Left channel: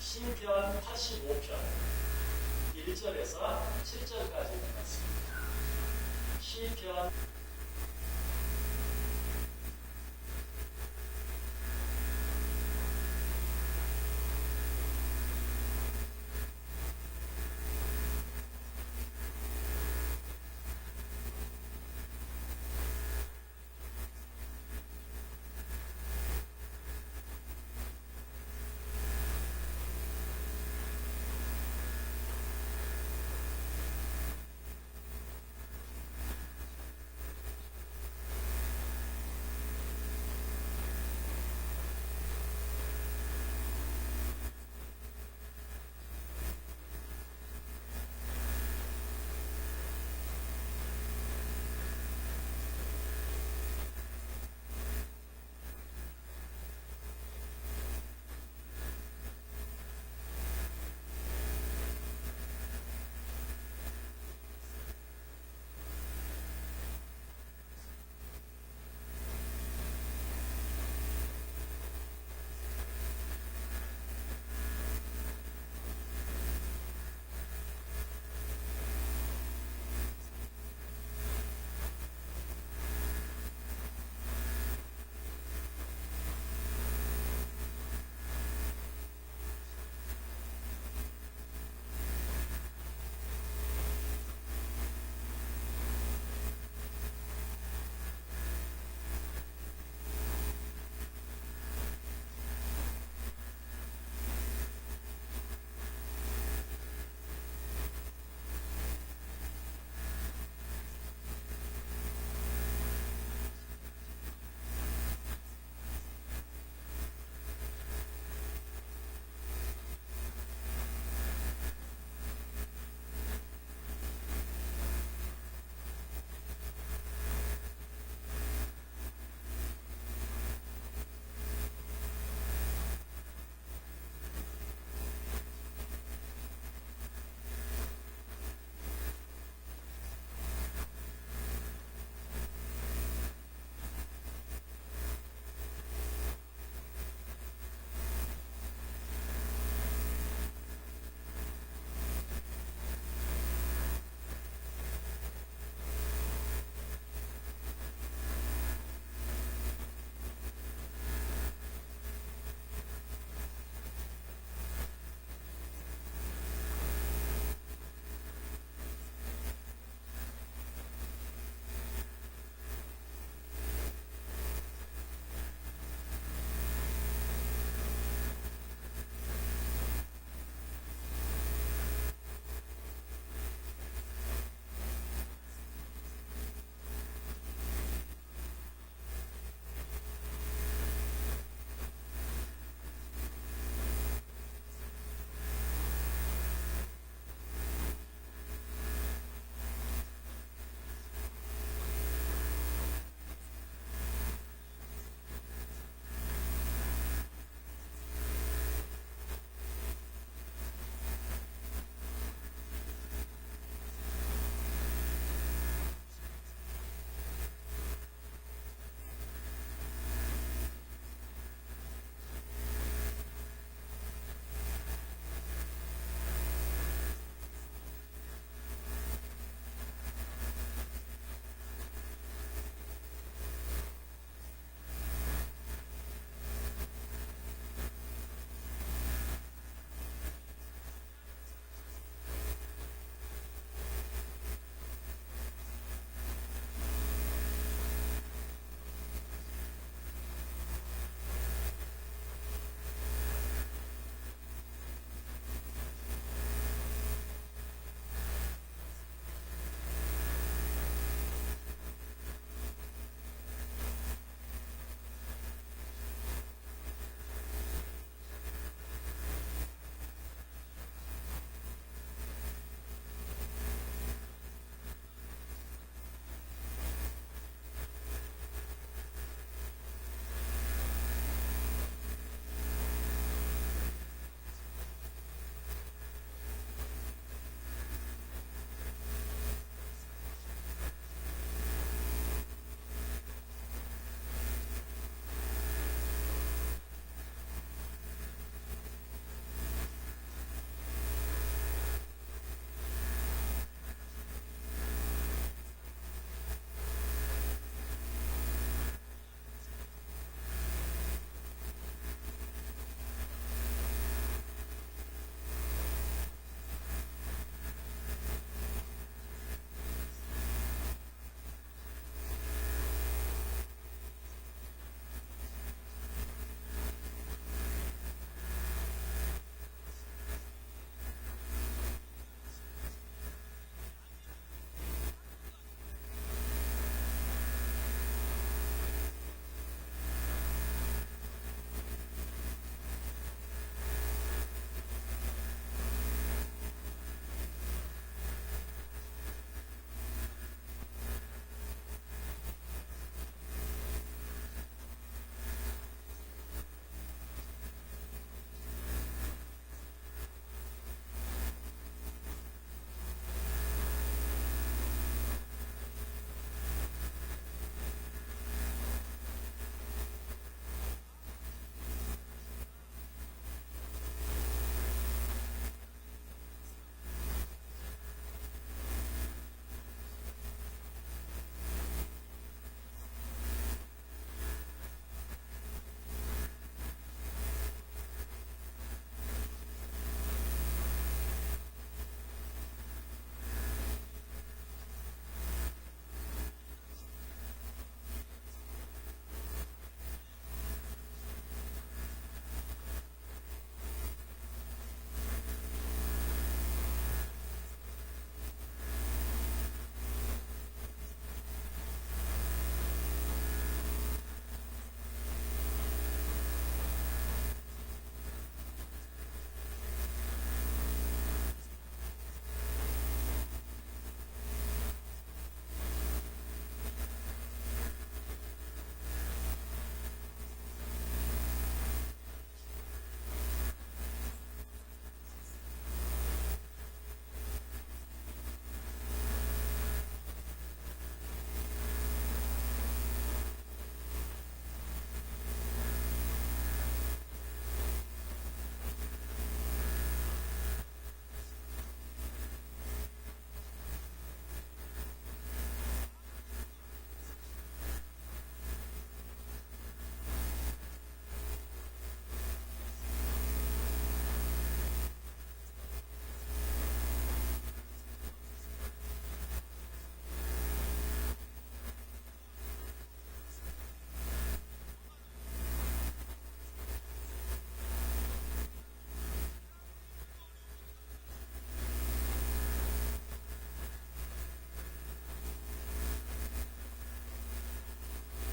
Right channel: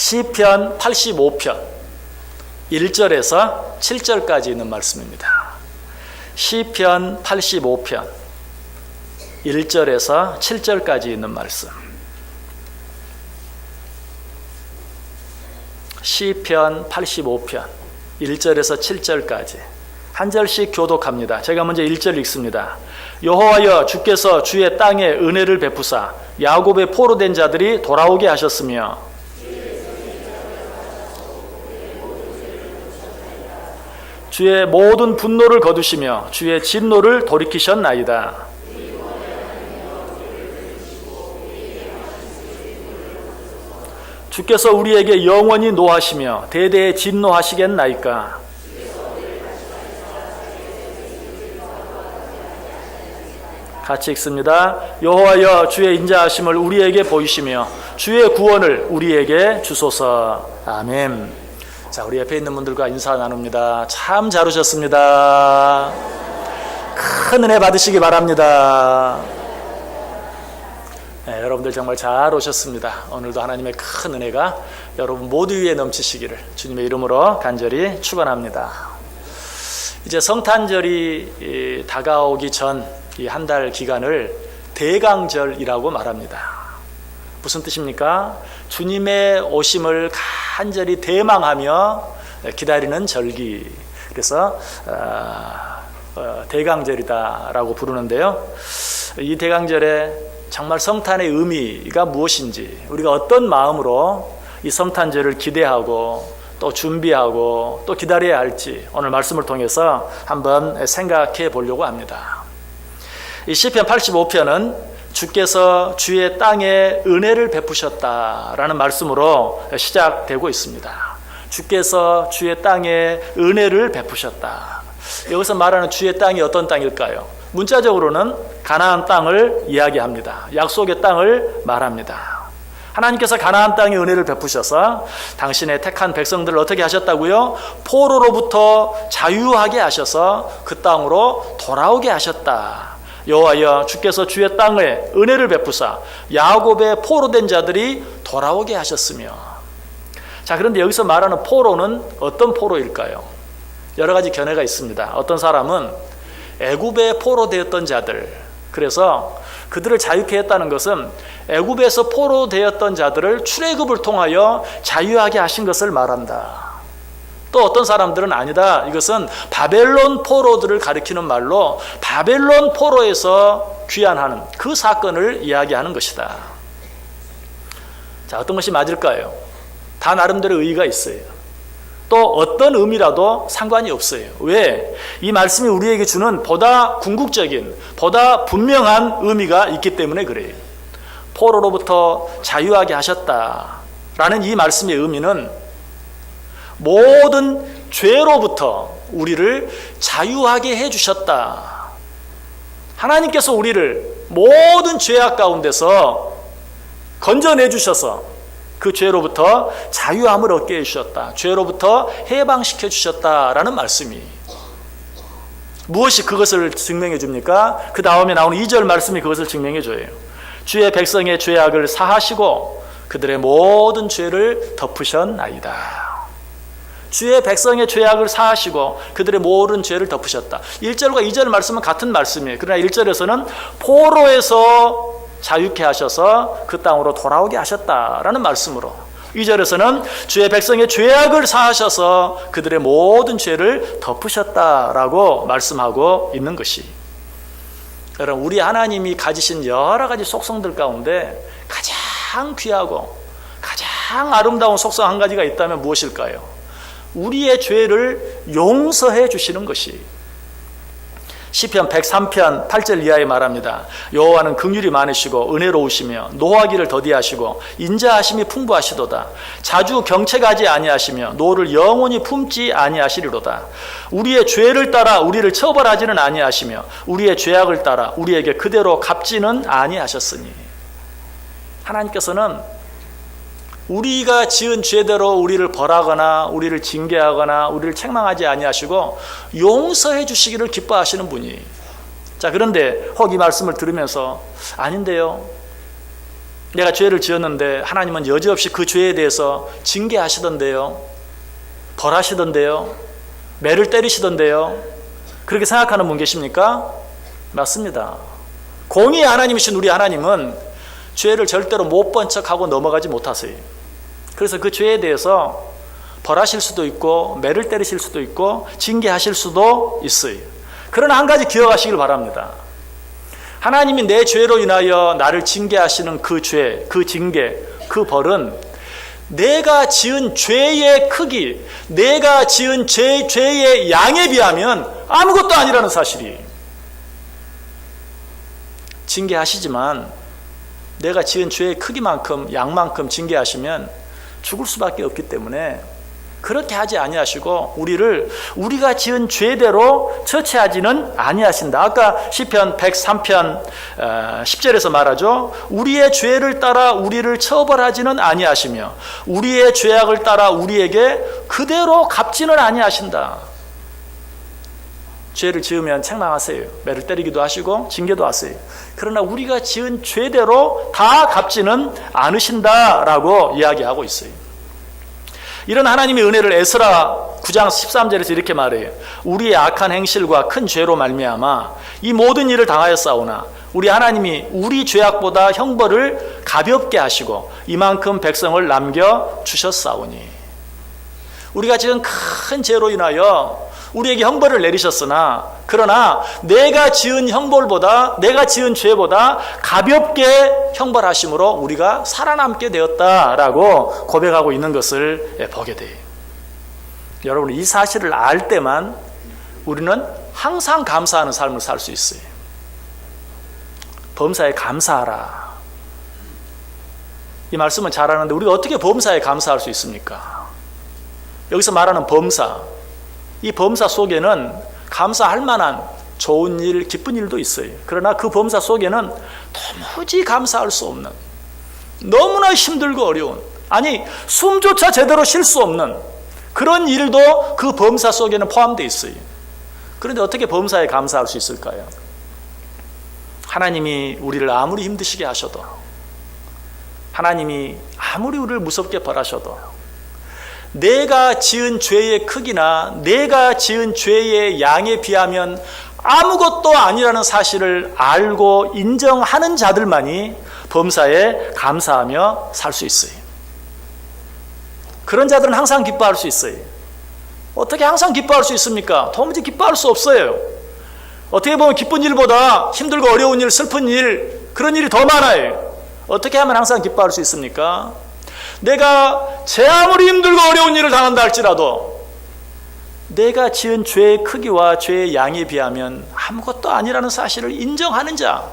시편 85편 1절에서 7절까지 있는 말씀입니다. 시편 85편 1절에서 7절까지 있는 말씀. 시편 85편 1절에서 7절까지 한 절씩 교독합니다. 제가 먼저 1절 읽습니다. 여호와여, 주께서 주의 땅에 은혜를 베푸사 야곱의 포로된 자들이 돌아오게 하셨으며 주의 모든 분노를 거두시며 주의 진노를 돌이키셨나이다. 주께서 우리에게 영원히 노하시며 대대에 진노하시겠나이까. 같이 읽습니다. 여호와여, 주의 인자하심을 우리에게 보이시며 주의 구원을 우리에게 주소서. 아멘. 자, 우리 옆에 있는 분들과 인사 나눕니다. 참 잘 오셨습니다. 큰 은혜 받으시기 바랍니다. 네, 여러분들 정말 잘 오셨습니다. 오늘도 하나님의 큰 은혜가 여러분 모두 위에 넘치시기를 주님의 이름으로 간절히 축원합니다. 이제 성탄절이 다가오기 전 이 한 달 기간을 대강절이라고 말합니다. 무슨 뜻입니까? 주님의 오심을 간절히 대망하며 기다리는 절기. 그래서 대강절이다라고 부르는데요. 이 대강절에 정말 성탄의 의미가 무엇인지, 우리가 어떤 마음으로 이 성탄절을 기대하고 또 준비하고 또 기다려야 할지 오늘 말씀을 통해서 한번 생각해 보려고 합니다. 이 시편 85편은 주께서 주의 땅에 은혜를 베푸셨다라는 말씀으로 시작되고 있습니다. 주께서 주의 땅에 은혜를 베푸셨다. 여기서 말하는 주의 땅이 어떤 땅일까요? 문자적으로는 가나안 땅을 이야기합니다. 약속의 땅을 말합니다. 하나님께서 가나안 땅에 은혜를 베푸셔서 당신의 택한 백성들을 어떻게 하셨다고요? 포로로부터 자유하게 하셔서 그 땅으로 돌아오게 하셨다. 여호와여, 주께서 주의 땅에 은혜를 베푸사 야곱의 포로된 자들이 돌아오게 하셨으며. 자, 그런데 여기서 말하는 포로는 어떤 포로일까요? 여러 가지 견해가 있습니다. 어떤 사람은 애굽의 포로되었던 자들, 그래서 그들을 자유케 했다는 것은 애굽에서 포로되었던 자들을 출애굽을 통하여 자유하게 하신 것을 말한다. 또 어떤 사람들은 아니다, 이것은 바벨론 포로들을 가리키는 말로 바벨론 포로에서 귀환하는 그 사건을 이야기하는 것이다. 자, 어떤 것이 맞을까요? 다 나름대로 의의가 있어요. 또 어떤 의미라도 상관이 없어요. 왜? 이 말씀이 우리에게 주는 보다 궁극적인, 보다 분명한 의미가 있기 때문에 그래요. 포로로부터 자유하게 하셨다라는 이 말씀의 의미는 모든 죄로부터 우리를 자유하게 해주셨다. 하나님께서 우리를 모든 죄악 가운데서 건져내 주셔서 그 죄로부터 자유함을 얻게 해주셨다. 죄로부터 해방시켜 주셨다라는 말씀이. 무엇이 그것을 증명해 줍니까? 그 다음에 나오는 2절 말씀이 그것을 증명해 줘요. 주의 백성의 죄악을 사하시고 그들의 모든 죄를 덮으셨나이다. 주의 백성의 죄악을 사하시고 그들의 모든 죄를 덮으셨다. 1절과 2절 말씀은 같은 말씀이에요. 그러나 1절에서는 포로에서 자유케 하셔서 그 땅으로 돌아오게 하셨다라는 말씀으로, 2절에서는 주의 백성의 죄악을 사하셔서 그들의 모든 죄를 덮으셨다라고 말씀하고 있는 것이, 여러분, 우리 하나님이 가지신 여러 가지 속성들 가운데 가장 귀하고 가장 아름다운 속성 한 가지가 있다면 무엇일까요? 우리의 죄를 용서해 주시는 것이. 시편 103편 8절 이하에 말합니다. 여호와는 긍휼이 많으시고 은혜로우시며 노하기를 더디하시고 인자하심이 풍부하시도다. 자주 경책하지 아니하시며 노를 영원히 품지 아니하시리로다. 우리의 죄를 따라 우리를 처벌하지는 아니하시며 우리의 죄악을 따라 우리에게 그대로 갚지는 아니하셨으니. 하나님께서는 우리가 지은 죄대로 우리를 벌하거나 우리를 징계하거나 우리를 책망하지 아니하시고 용서해 주시기를 기뻐하시는 분이. 자, 그런데 혹 이 말씀을 들으면서 아닌데요, 내가 죄를 지었는데 하나님은 여지없이 그 죄에 대해서 징계하시던데요, 벌하시던데요, 매를 때리시던데요. 그렇게 생각하는 분 계십니까? 맞습니다. 공의의 하나님이신 우리 하나님은 죄를 절대로 못 본 척하고 넘어가지 못하세요. 그래서 그 죄에 대해서 벌하실 수도 있고 매를 때리실 수도 있고 징계하실 수도 있어요. 그러나 한 가지 기억하시길 바랍니다. 하나님이 내 죄로 인하여 나를 징계하시는 그 죄, 그 징계, 그 벌은 내가 지은 죄의 크기, 내가 지은 죄의 양에 비하면 아무것도 아니라는 사실이. 징계하시지만 내가 지은 죄의 크기만큼, 양만큼 징계하시면 죽을 수밖에 없기 때문에 그렇게 하지 아니하시고 우리가 지은 죄대로 처치하지는 아니하신다. 아까 시편 103편 10절에서 말하죠. 우리의 죄를 따라 우리를 처벌하지는 아니하시며 우리의 죄악을 따라 우리에게 그대로 갚지는 아니하신다. 죄를 지으면 책망하세요. 매를 때리기도 하시고 징계도 하세요. 그러나 우리가 지은 죄대로 다 갚지는 않으신다라고 이야기하고 있어요. 이런 하나님의 은혜를 에스라 9장 13절에서 이렇게 말해요. 우리의 악한 행실과 큰 죄로 말미암아 이 모든 일을 당하였사오나 우리 하나님이 우리 죄악보다 형벌을 가볍게 하시고 이만큼 백성을 남겨주셨사오니. 우리가 지금 큰 죄로 인하여 우리에게 형벌을 내리셨으나 그러나 내가 지은 형벌보다, 내가 지은 죄보다 가볍게 형벌하심으로 우리가 살아남게 되었다라고 고백하고 있는 것을 보게 돼요. 여러분, 이 사실을 알 때만 우리는 항상 감사하는 삶을 살 수 있어요. 범사에 감사하라. 이 말씀은 잘하는데 우리가 어떻게 범사에 감사할 수 있습니까? 여기서 말하는 범사, 이 범사 속에는 감사할 만한 좋은 일, 기쁜 일도 있어요. 그러나 그 범사 속에는 도무지 감사할 수 없는, 너무나 힘들고 어려운, 아니 숨조차 제대로 쉴 수 없는 그런 일도 그 범사 속에는 포함되어 있어요. 그런데 어떻게 범사에 감사할 수 있을까요? 하나님이 우리를 아무리 힘드시게 하셔도, 하나님이 아무리 우리를 무섭게 벌하셔도 내가 지은 죄의 크기나 내가 지은 죄의 양에 비하면 아무것도 아니라는 사실을 알고 인정하는 자들만이 범사에 감사하며 살 수 있어요. 그런 자들은 항상 기뻐할 수 있어요. 어떻게 항상 기뻐할 수 있습니까? 도무지 기뻐할 수 없어요. 어떻게 보면 기쁜 일보다 힘들고 어려운 일, 슬픈 일, 그런 일이 더 많아요. 어떻게 하면 항상 기뻐할 수 있습니까? 내가 제 아무리 힘들고 어려운 일을 당한다 할지라도 내가 지은 죄의 크기와 죄의 양에 비하면 아무것도 아니라는 사실을 인정하는 자,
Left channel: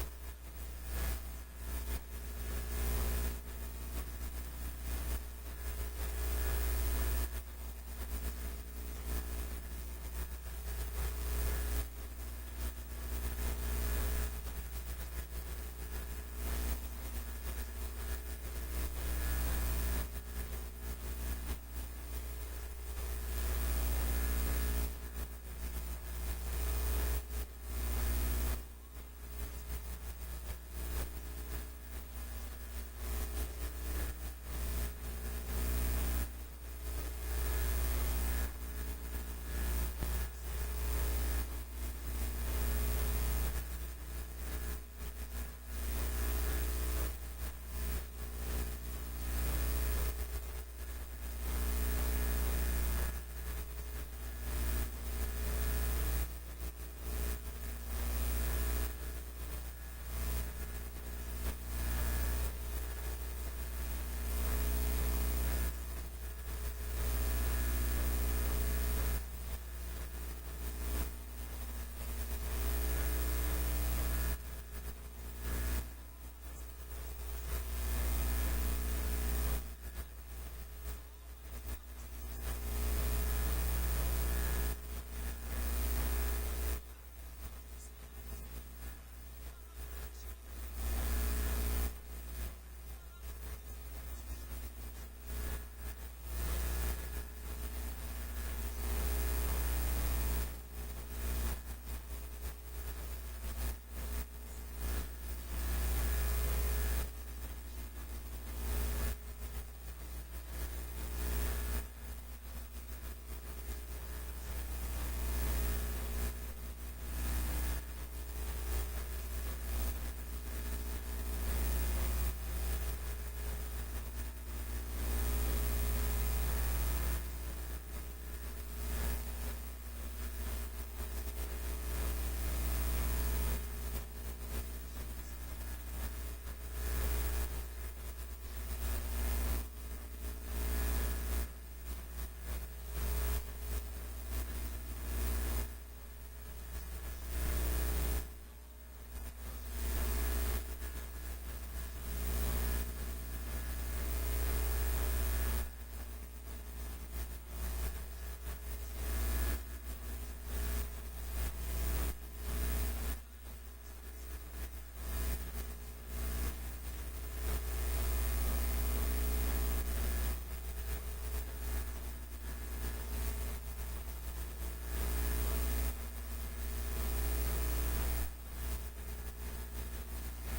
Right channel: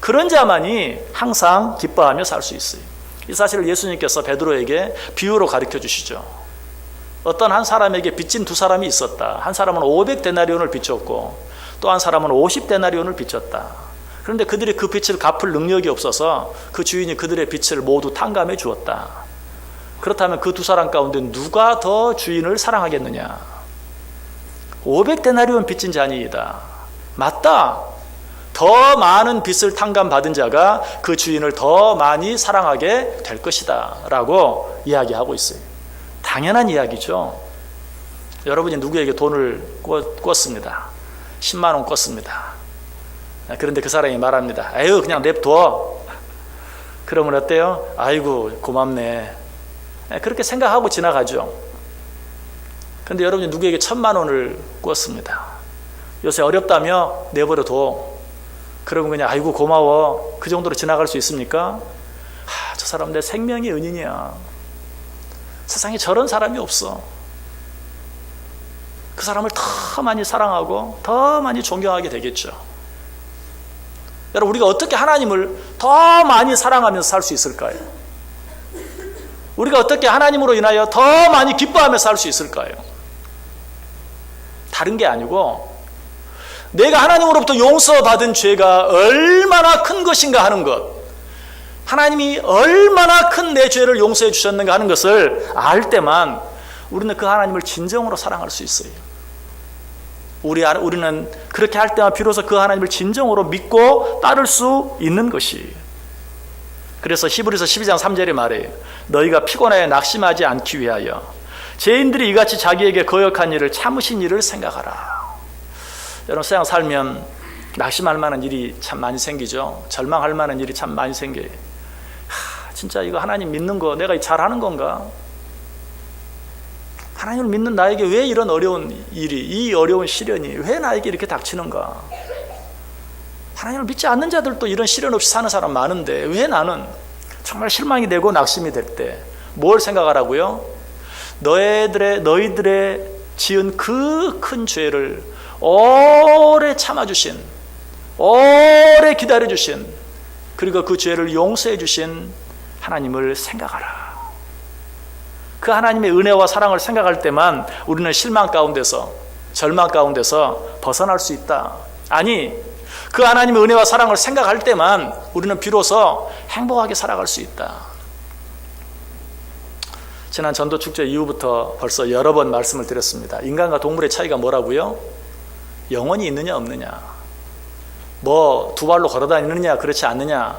그런 자만이 항상 기뻐하며 살 수 있어요. 이 사실을 예수님께서 베드로에게 비유로 가르쳐 주시죠. 어떤 한 사람에게 빚진 두 사람이 있었다. 한 사람은 500데나리온을 빚졌고 또 한 사람은 50데나리온을 빚졌다. 그런데 그들이 그 빚을 갚을 능력이 없어서 그 주인이 그들의 빚을 모두 탕감해 주었다. 그렇다면 그 두 사람 가운데 누가 더 주인을 사랑하겠느냐? 500데나리온 빚진 자니이다. 맞다. 더 많은 빚을 탕감받은 자가 그 주인을 더 많이 사랑하게 될 것이다 라고 이야기하고 있어요. 당연한 이야기죠. 여러분이 누구에게 돈을 꿨습니다. 10만 원 꿨습니다. 그런데 그 사람이 말합니다. 에휴, 그냥 냅둬. 그러면 어때요? 아이고, 고맙네. 그렇게 생각하고 지나가죠. 그런데 여러분이 누구에게 1000만 원을 꿨습니다. 요새 어렵다며 내버려둬. 그러면 그냥 아이고 고마워. 그 정도로 지나갈 수 있습니까? 저 사람 내 생명의 은인이야. 세상에 저런 사람이 없어. 그 사람을 더 많이 사랑하고 더 많이 존경하게 되겠죠. 여러분, 우리가 어떻게 하나님을 더 많이 사랑하면서 살 수 있을까요? 우리가 어떻게 하나님으로 인하여 더 많이 기뻐하며 살 수 있을까요? 다른 게 아니고 내가 하나님으로부터 용서받은 죄가 얼마나 큰 것인가 하는 것, 하나님이 얼마나 큰 내 죄를 용서해 주셨는가 하는 것을 알 때만 우리는 그 하나님을 진정으로 사랑할 수 있어요. 우리는 그렇게 할 때만 비로소 그 하나님을 진정으로 믿고 따를 수 있는 것이. 그래서 히브리서 12장 3절에 말해요. 너희가 피곤하여 낙심하지 않기 위하여 죄인들이 이같이 자기에게 거역한 일을 참으신 일을 생각하라. 여러분, 세상 살면 낙심할 만한 일이 참 많이 생기죠. 절망할 만한 일이 참 많이 생겨요. 진짜 이거 하나님 믿는 거 내가 잘하는 건가? 하나님을 믿는 나에게 왜 이런 어려운 일이, 이 어려운 시련이 왜 나에게 이렇게 닥치는가? 하나님을 믿지 않는 자들도 이런 시련 없이 사는 사람 많은데 왜 나는? 정말 실망이 되고 낙심이 될 때 뭘 생각하라고요? 너희들의 지은 그 큰 죄를 오래 참아주신, 오래 기다려주신, 그리고 그 죄를 용서해주신 하나님을 생각하라. 그 하나님의 은혜와 사랑을 생각할 때만 우리는 실망 가운데서, 절망 가운데서 벗어날 수 있다. 아니, 그 하나님의 은혜와 사랑을 생각할 때만 우리는 비로소 행복하게 살아갈 수 있다. 지난 전도축제 이후부터 벌써 여러 번 말씀을 드렸습니다. 인간과 동물의 차이가 뭐라고요? 영혼이 있느냐 없느냐, 뭐 두 발로 걸어다니느냐 그렇지 않느냐,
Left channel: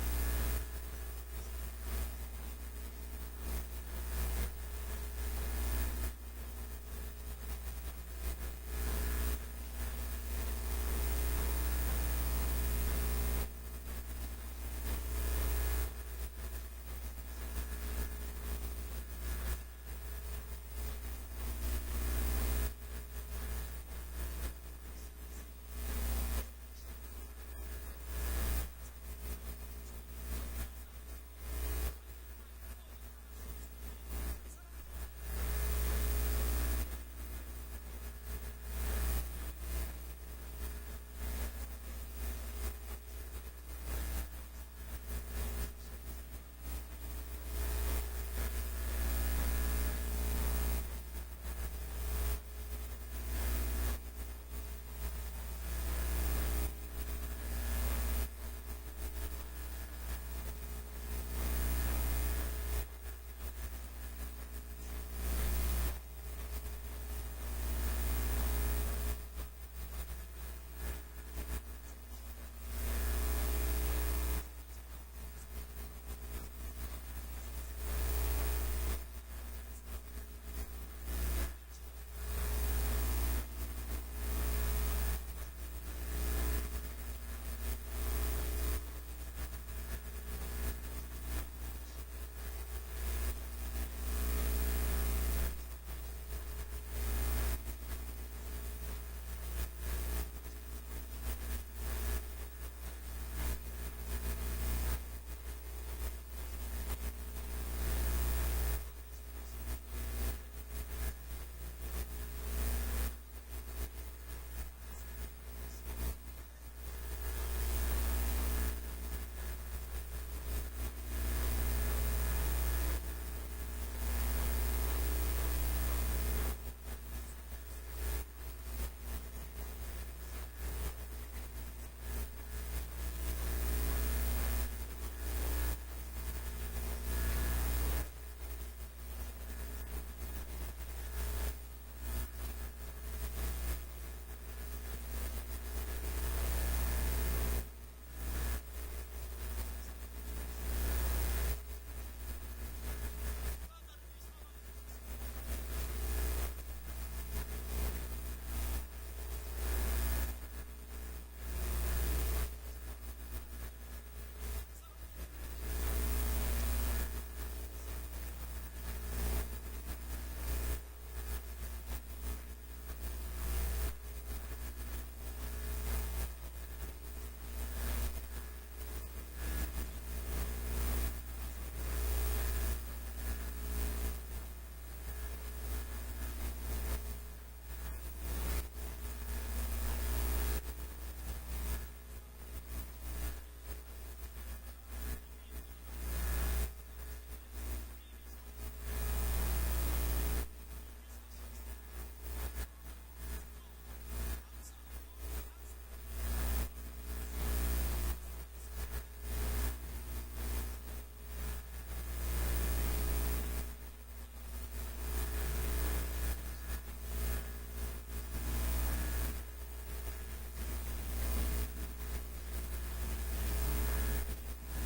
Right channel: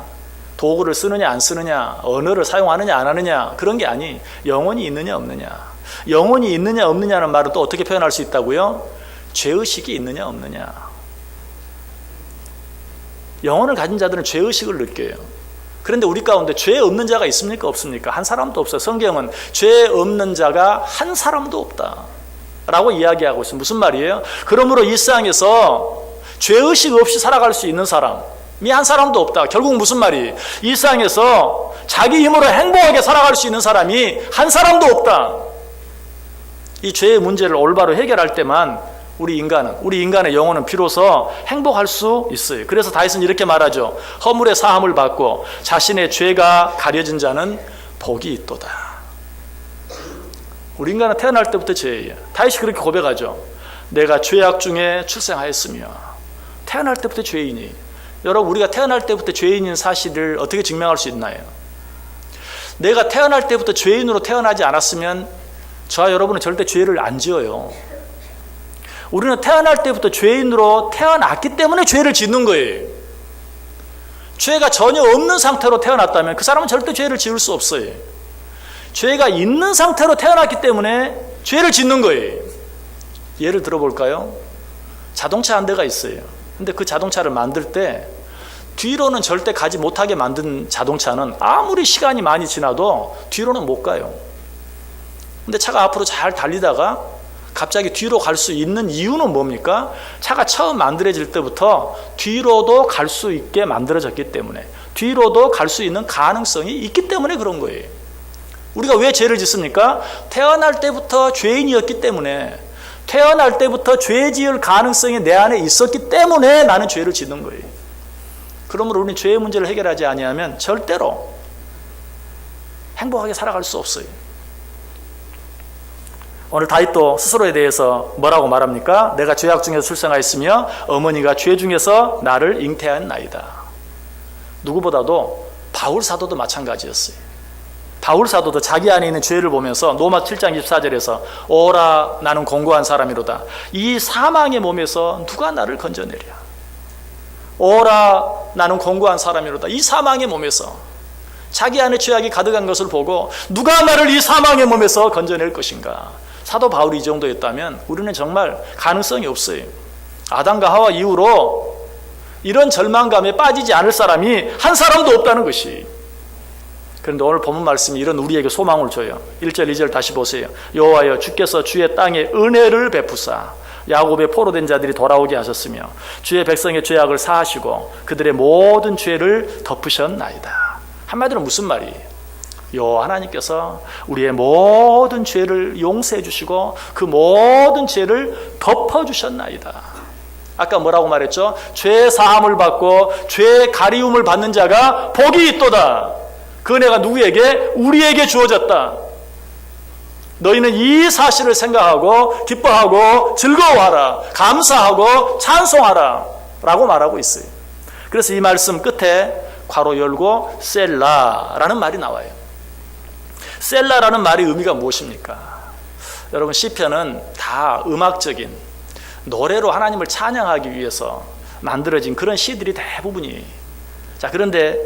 도구를 쓰느냐 안 쓰느냐, 언어를 사용하느냐 안 하느냐, 그런 게 아니, 영혼이 있느냐 없느냐. 영혼이 있느냐 없느냐는 말은 또 어떻게 표현할 수 있다고요? 죄의식이 있느냐 없느냐. 영혼을 가진 자들은 죄의식을 느껴요. 그런데 우리 가운데 죄 없는 자가 있습니까 없습니까? 한 사람도 없어요. 성경은 죄 없는 자가 한 사람도 없다 라고 이야기하고 있어요. 무슨 말이에요? 그러므로 이 세상에서 죄의식 없이 살아갈 수 있는 사람이 한 사람도 없다. 결국 무슨 말이에요? 이 세상에서 자기 힘으로 행복하게 살아갈 수 있는 사람이 한 사람도 없다. 이 죄의 문제를 올바로 해결할 때만 우리 인간의 영혼은 비로소 행복할 수 있어요. 그래서 다윗은 이렇게 말하죠. 허물의 사함을 받고 자신의 죄가 가려진 자는 복이 있도다. 우리 인간은 태어날 때부터 죄예요. 다윗이 그렇게 고백하죠. 내가 죄악 중에 출생하였으며. 태어날 때부터 죄인이. 여러분, 우리가 태어날 때부터 죄인인 사실을 어떻게 증명할 수 있나요? 내가 태어날 때부터 죄인으로 태어나지 않았으면 저와 여러분은 절대 죄를 안 지어요. 우리는 태어날 때부터 죄인으로 태어났기 때문에 죄를 짓는 거예요. 죄가 전혀 없는 상태로 태어났다면 그 사람은 절대 죄를 지을 수 없어요. 죄가 있는 상태로 태어났기 때문에 죄를 짓는 거예요. 예를 들어볼까요? 자동차 한 대가 있어요. 근데 그 자동차를 만들 때 뒤로는 절대 가지 못하게 만든 자동차는 아무리 시간이 많이 지나도 뒤로는 못 가요. 근데 차가 앞으로 잘 달리다가 갑자기 뒤로 갈 수 있는 이유는 뭡니까? 차가 처음 만들어질 때부터 뒤로도 갈 수 있게 만들어졌기 때문에, 뒤로도 갈 수 있는 가능성이 있기 때문에 그런 거예요. 우리가 왜 죄를 짓습니까? 태어날 때부터 죄인이었기 때문에, 태어날 때부터 죄 지을 가능성이 내 안에 있었기 때문에 나는 죄를 짓는 거예요. 그러므로 우리는 죄의 문제를 해결하지 아니하면 절대로 행복하게 살아갈 수 없어요. 오늘 다윗도 스스로에 대해서 뭐라고 말합니까? 내가 죄악 중에서 출생하였으며 어머니가 죄 중에서 나를 잉태하였나이다. 누구보다도 바울 사도도 마찬가지였어요. 바울 사도도 자기 안에 있는 죄를 보면서 로마 7장 24절에서 오라 나는 공고한 사람이로다. 이 사망의 몸에서 누가 나를 건져내랴. 오라 나는 공고한 사람이로다. 이 사망의 몸에서, 자기 안에 죄악이 가득한 것을 보고 누가 나를 이 사망의 몸에서 건져낼 것인가. 사도 바울이 이 정도였다면 우리는 정말 가능성이 없어요. 아담과 하와 이후로 이런 절망감에 빠지지 않을 사람이 한 사람도 없다는 것이. 그런데 오늘 본문 말씀이 이런 우리에게 소망을 줘요. 1절 2절 다시 보세요. 여호와여 주께서 주의 땅에 은혜를 베푸사 야곱의 포로된 자들이 돌아오게 하셨으며 주의 백성의 죄악을 사하시고 그들의 모든 죄를 덮으셨나이다. 한마디로 무슨 말이에요? 하나님께서 우리의 모든 죄를 용서해 주시고 그 모든 죄를 덮어 주셨나이다. 아까 뭐라고 말했죠? 죄 사함을 받고 죄 가리움을 받는 자가 복이 있도다. 그 은혜가 누구에게? 우리에게 주어졌다. 너희는 이 사실을 생각하고 기뻐하고 즐거워하라, 감사하고 찬송하라 라고 말하고 있어요. 그래서 이 말씀 끝에 괄호 열고 셀라라는 말이 나와요. 셀라라는 말의 의미가 무엇입니까? 여러분, 시편은 다 음악적인 노래로 하나님을 찬양하기 위해서 만들어진 그런 시들이 대부분이에요. 자, 그런데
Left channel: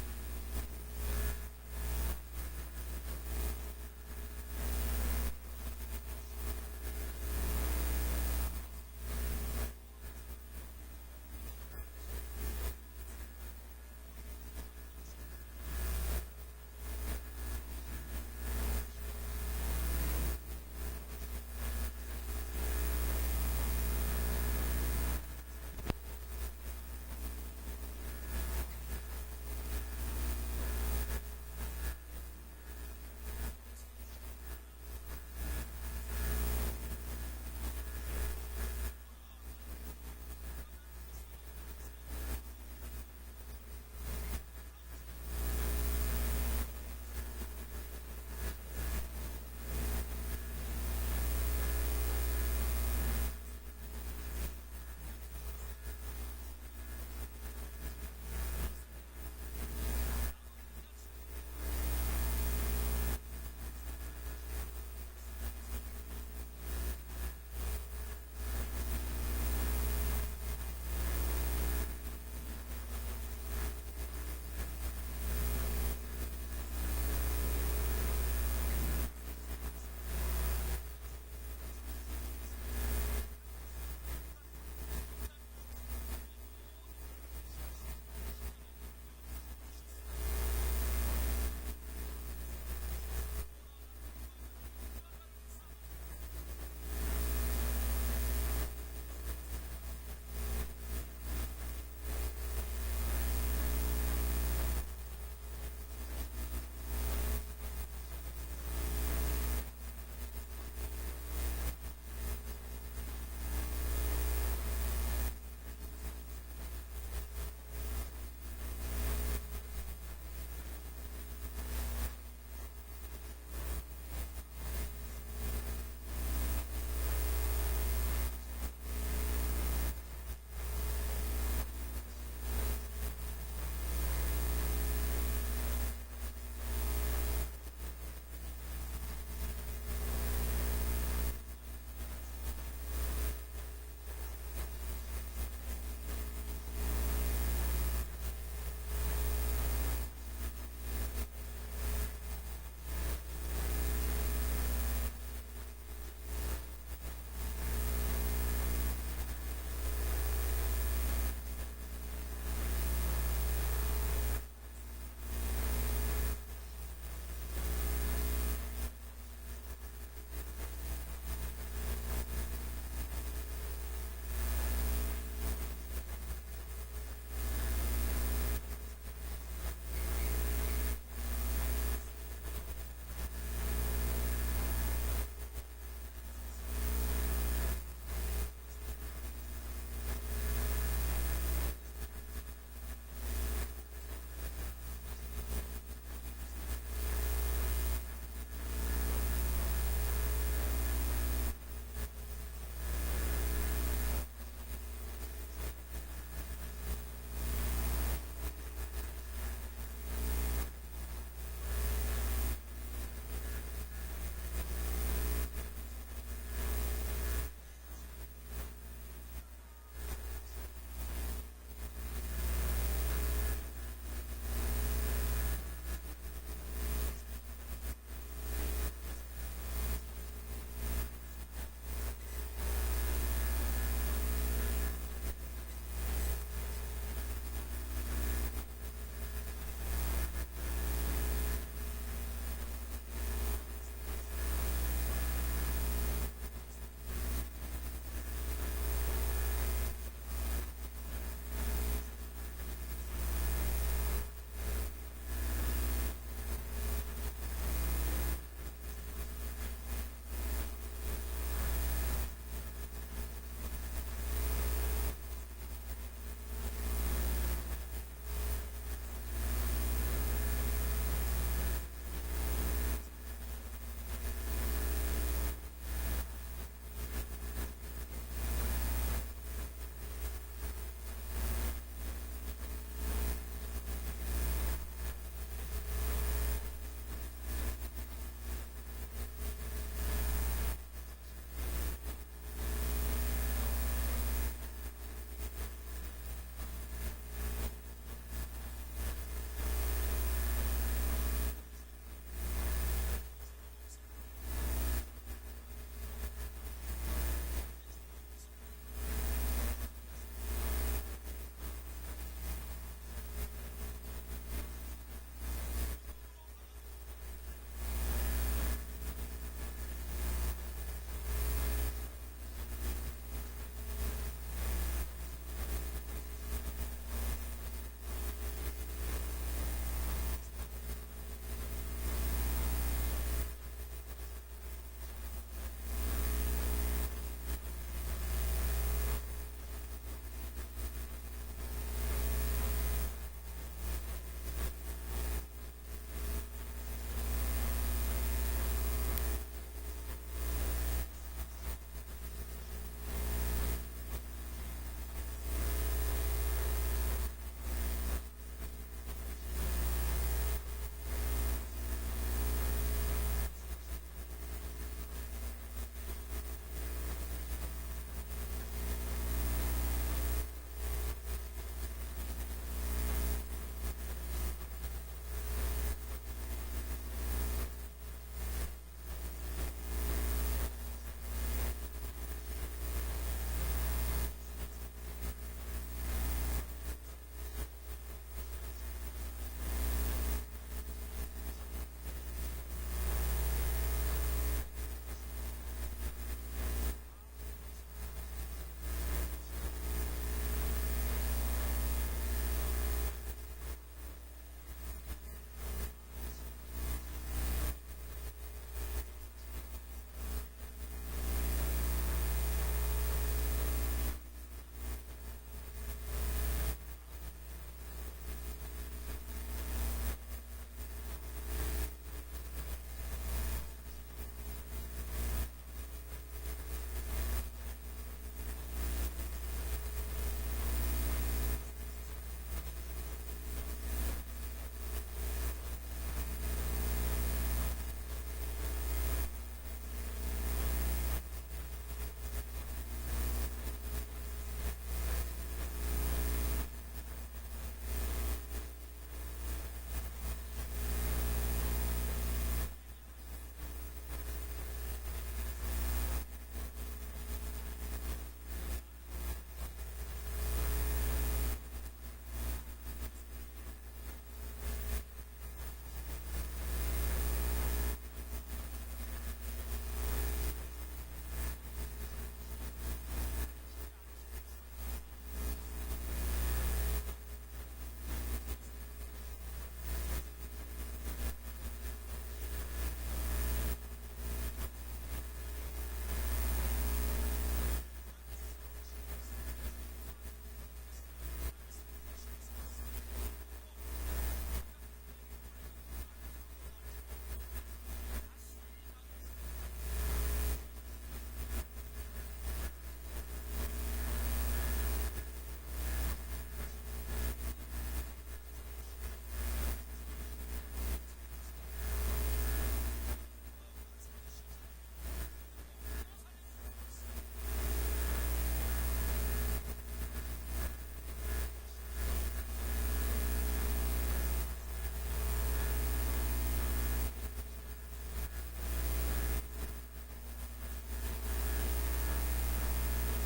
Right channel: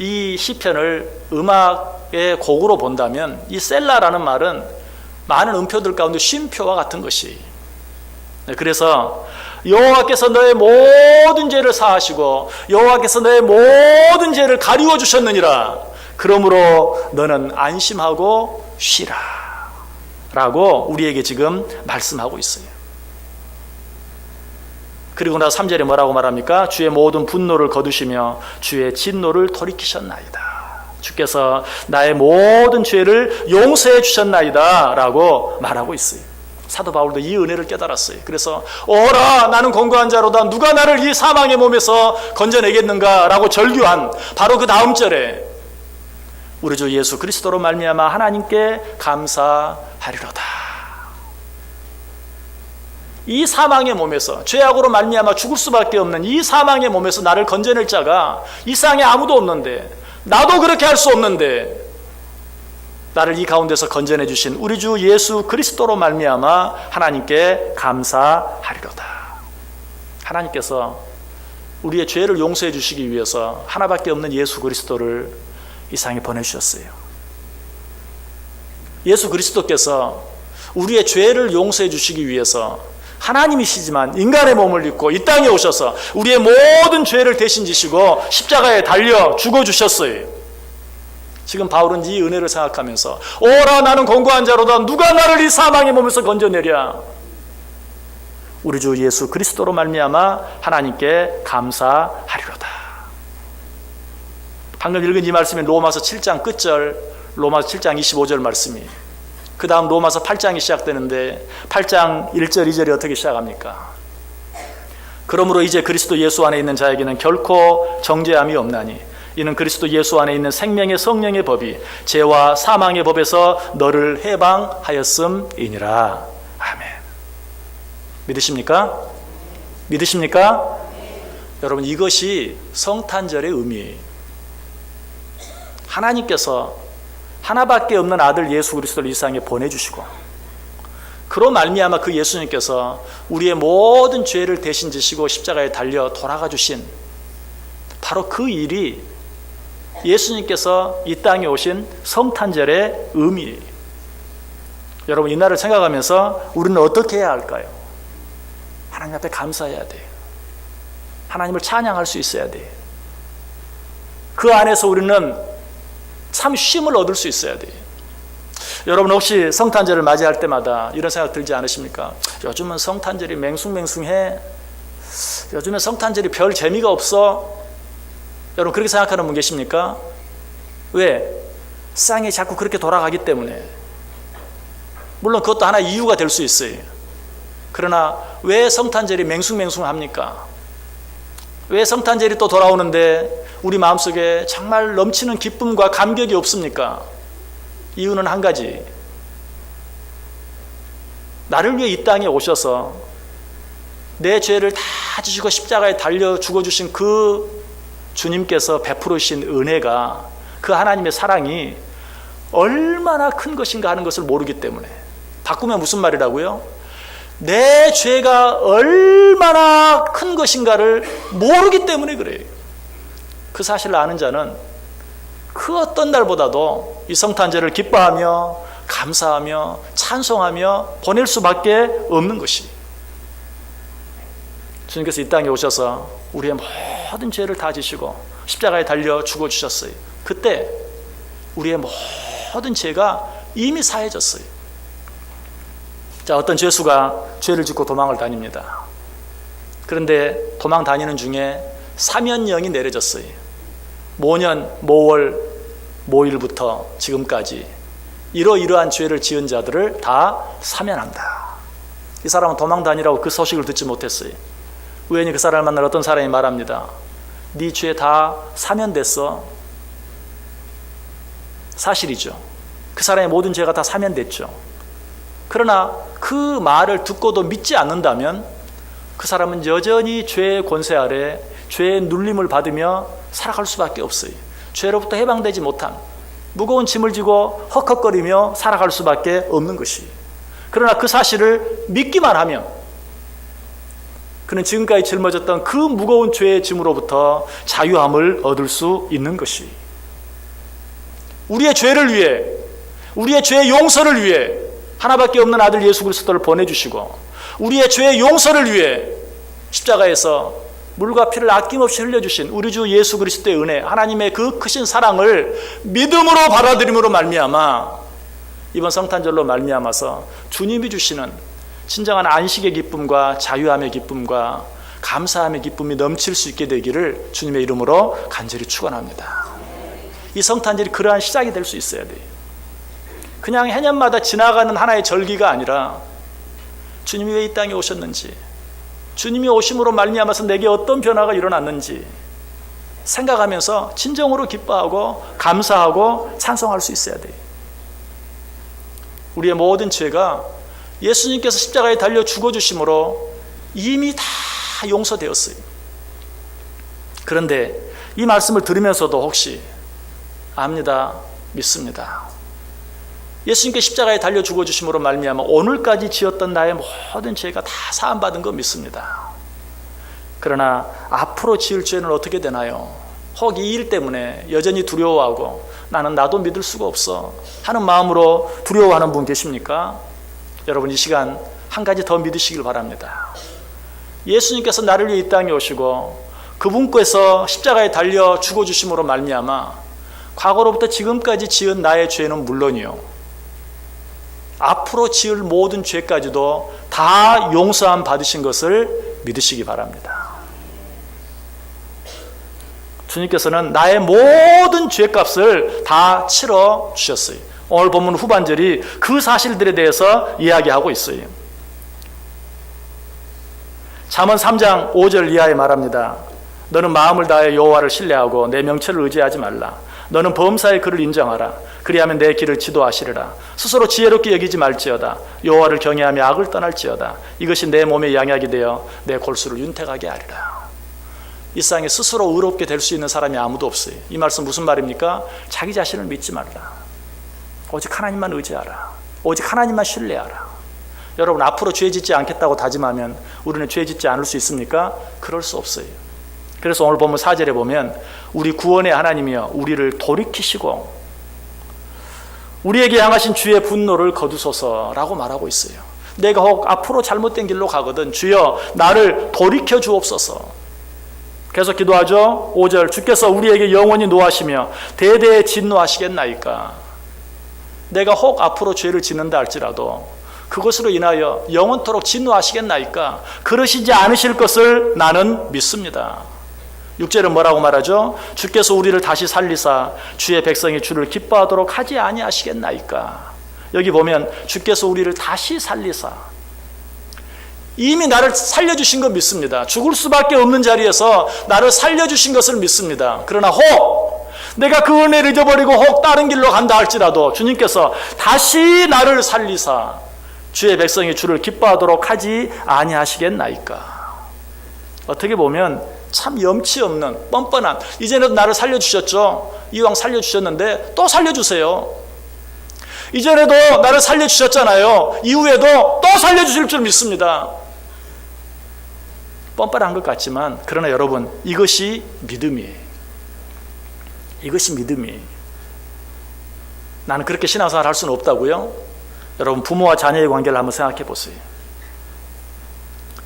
이 시편을 음악의 곡으로 본다면 이 셀라라는 말은 많은 음표들 가운데 쉼표와 같은 것이. 그래서 여호와께서 너의 모든 죄를 사하시고 여호와께서 너의 모든 죄를 가리워 주셨느니라. 그러므로 너는 안심하고 쉬라 라고 우리에게 지금 말씀하고 있어요. 그리고 나서 3절에 뭐라고 말합니까? 주의 모든 분노를 거두시며 주의 진노를 돌이키셨나이다. 주께서 나의 모든 죄를 용서해 주셨나이다 라고 말하고 있어요. 사도 바울도 이 은혜를 깨달았어요. 그래서 오라 나는 권고한 자로다 누가 나를 이 사망의 몸에서 건져내겠는가 라고 절규한 바로 그 다음 절에 우리 주 예수 그리스도로 말미암아 하나님께 감사하리로다. 이 사망의 몸에서 죄악으로 말미암아 죽을 수밖에 없는 이 사망의 몸에서 나를 건져낼 자가 이 세상에 아무도 없는데 나도 그렇게 할 수 없는데 나를 이 가운데서 건져내 주신 우리 주 예수 그리스도로 말미암아 하나님께 감사하리로다. 하나님께서 우리의 죄를 용서해 주시기 위해서 하나밖에 없는 예수 그리스도를 이 세상에 보내주셨어요. 예수 그리스도께서 우리의 죄를 용서해 주시기 위해서 하나님이시지만 인간의 몸을 입고 이 땅에 오셔서 우리의 모든 죄를 대신 지시고 십자가에 달려 죽어주셨어요. 지금 바울은 이 은혜를 생각하면서 오라 나는 권고한 자로다 누가 나를 이 사망의 몸에서 건져내랴. 우리 주 예수 그리스도로 말미암아 하나님께 감사하리로다. 방금 읽은 이 말씀이 로마서 7장 끝절 로마서 7장 25절 말씀이 그 다음 로마서 8장이 시작되는데 8장 1절 2절이 어떻게 시작합니까? 그러므로 이제 그리스도 예수 안에 있는 자에게는 결코 정죄함이 없나니 이는 그리스도 예수 안에 있는 생명의 성령의 법이 죄와 사망의 법에서 너를 해방하였음이니라. 아멘. 믿으십니까? 믿으십니까? 여러분 이것이 성탄절의 의미예요. 하나님께서 하나밖에 없는 아들 예수 그리스도를 이 세상에 보내주시고 그로 말미암아 그 예수님께서 우리의 모든 죄를 대신 지시고 십자가에 달려 돌아가 주신 바로 그 일이 예수님께서 이 땅에 오신 성탄절의 의미예요. 여러분 이날을 생각하면서 우리는 어떻게 해야 할까요? 하나님 앞에 감사해야 돼요. 하나님을 찬양할 수 있어야 돼요. 그 안에서 우리는 참 쉼을 얻을 수 있어야 돼요. 여러분 혹시 성탄절을 맞이할 때마다 이런 생각 들지 않으십니까? 요즘은 성탄절이 맹숭맹숭해. 요즘은 성탄절이 별 재미가 없어. 여러분 그렇게 생각하는 분 계십니까? 왜? 세상이 자꾸 그렇게 돌아가기 때문에. 물론 그것도 하나의 이유가 될 수 있어요. 그러나 왜 성탄절이 맹숭맹숭합니까? 왜 성탄절이 또 돌아오는데 우리 마음속에 정말 넘치는 기쁨과 감격이 없습니까? 이유는 한 가지. 나를 위해 이 땅에 오셔서 내 죄를 다 지시고 십자가에 달려 죽어주신 그 주님께서 베풀으신 은혜가 그 하나님의 사랑이 얼마나 큰 것인가 하는 것을 모르기 때문에. 바꾸면 무슨 말이라고요? 내 죄가 얼마나 큰 것인가를 모르기 때문에 그래요. 그 사실을 아는 자는 그 어떤 날보다도 이 성탄절을 기뻐하며 감사하며 찬송하며 보낼 수밖에 없는 것이. 주님께서 이 땅에 오셔서 우리의 모든 죄를 다 지시고 십자가에 달려 죽어주셨어요. 그때 우리의 모든 죄가 이미 사해졌어요. 자, 어떤 죄수가 죄를 짓고 도망을 다닙니다. 그런데 도망 다니는 중에 사면령이 내려졌어요. 모년 모월 모일부터 지금까지 이러이러한 죄를 지은 자들을 다 사면한다. 이 사람은 도망 다니라고 그 소식을 듣지 못했어요. 우연히 그 사람을 만날 어떤 사람이 말합니다. 네 죄 다 사면됐어. 사실이죠. 그 사람의 모든 죄가 다 사면됐죠. 그러나 그 말을 듣고도 믿지 않는다면 그 사람은 여전히 죄의 권세 아래 죄의 눌림을 받으며 살아갈 수밖에 없어요. 죄로부터 해방되지 못한 무거운 짐을 지고 헉헉거리며 살아갈 수밖에 없는 것이에요. 그러나 그 사실을 믿기만 하면 그는 지금까지 짊어졌던 그 무거운 죄의 짐으로부터 자유함을 얻을 수 있는 것이. 우리의 죄를 위해, 우리의 죄의 용서를 위해 하나밖에 없는 아들 예수 그리스도를 보내주시고 우리의 죄의 용서를 위해 십자가에서 물과 피를 아낌없이 흘려주신 우리 주 예수 그리스도의 은혜, 하나님의 그 크신 사랑을 믿음으로 받아들임으로 말미암아 이번 성탄절로 말미암아서 주님이 주시는 진정한 안식의 기쁨과 자유함의 기쁨과 감사함의 기쁨이 넘칠 수 있게 되기를 주님의 이름으로 간절히 축원합니다. 이 성탄절이 그러한 시작이 될 수 있어야 돼요. 그냥 해년마다 지나가는 하나의 절기가 아니라 주님이 왜 이 땅에 오셨는지, 주님이 오심으로 말미암아서 내게 어떤 변화가 일어났는지 생각하면서 진정으로 기뻐하고 감사하고 찬송할 수 있어야 돼요. 우리의 모든 죄가 예수님께서 십자가에 달려 죽어주심으로 이미 다 용서되었어요. 그런데 이 말씀을 들으면서도 혹시 압니다, 믿습니다. 예수님께 십자가에 달려 죽어주심으로 말미암아 오늘까지 지었던 나의 모든 죄가 다 사함받은 거 믿습니다. 그러나 앞으로 지을 죄는 어떻게 되나요? 혹 이 일 때문에 여전히 두려워하고 나도 믿을 수가 없어 하는 마음으로 두려워하는 분 계십니까? 여러분 이 시간 한 가지 더 믿으시길 바랍니다. 예수님께서 나를 위해 이 땅에 오시고 그분께서 십자가에 달려 죽어주심으로 말미암아 과거로부터 지금까지 지은 나의 죄는 물론이요 앞으로 지을 모든 죄까지도 다 용서함 받으신 것을 믿으시기 바랍니다. 주님께서는 나의 모든 죄값을 다 치러 주셨어요. 오늘 본문 후반절이 그 사실들에 대해서 이야기하고 있어요. 잠언 3장 5절 이하에 말합니다. 너는 마음을 다해 여호와를 신뢰하고 내 명철을 의지하지 말라. 너는 범사의 그를 인정하라. 그리하면 내 길을 지도하시리라. 스스로 지혜롭게 여기지 말지어다. 여호와를 경외하며 악을 떠날지어다. 이것이 내 몸의 양약이 되어 내 골수를 윤택하게 하리라. 이 세상에 스스로 의롭게 될 수 있는 사람이 아무도 없어요. 이 말씀 무슨 말입니까? 자기 자신을 믿지 말라. 오직 하나님만 의지하라. 오직 하나님만 신뢰하라. 여러분 앞으로 죄 짓지 않겠다고 다짐하면 우리는 죄 짓지 않을 수 있습니까? 그럴 수 없어요. 그래서 오늘 본문 4절에 보면 우리 구원의 하나님이여 우리를 돌이키시고 우리에게 향하신 주의 분노를 거두소서라고 말하고 있어요. 내가 혹 앞으로 잘못된 길로 가거든 주여 나를 돌이켜 주옵소서. 계속 기도하죠. 5절 주께서 우리에게 영원히 노하시며 대대에 진노하시겠나이까. 내가 혹 앞으로 죄를 짓는다 할지라도 그것으로 인하여 영원토록 진노하시겠나이까. 그러시지 않으실 것을 나는 믿습니다. 6절은 뭐라고 말하죠? 주께서 우리를 다시 살리사 주의 백성이 주를 기뻐하도록 하지 아니하시겠나이까. 여기 보면 주께서 우리를 다시 살리사 이미 나를 살려주신 거 믿습니다. 죽을 수밖에 없는 자리에서 나를 살려주신 것을 믿습니다. 그러나 혹 내가 그 은혜를 잊어버리고 혹 다른 길로 간다 할지라도 주님께서 다시 나를 살리사 주의 백성이 주를 기뻐하도록 하지 아니하시겠나이까. 어떻게 보면 참 염치 없는 뻔뻔한, 이전에도 나를 살려주셨죠. 이왕 살려주셨는데 또 살려주세요. 이전에도 나를 살려주셨잖아요. 이후에도 또 살려주실 줄 믿습니다. 뻔뻔한 것 같지만 그러나 여러분 이것이 믿음이에요. 이것이 믿음이에요. 나는 그렇게 신앙생활 할 수는 없다고요? 여러분 부모와 자녀의 관계를 한번 생각해 보세요.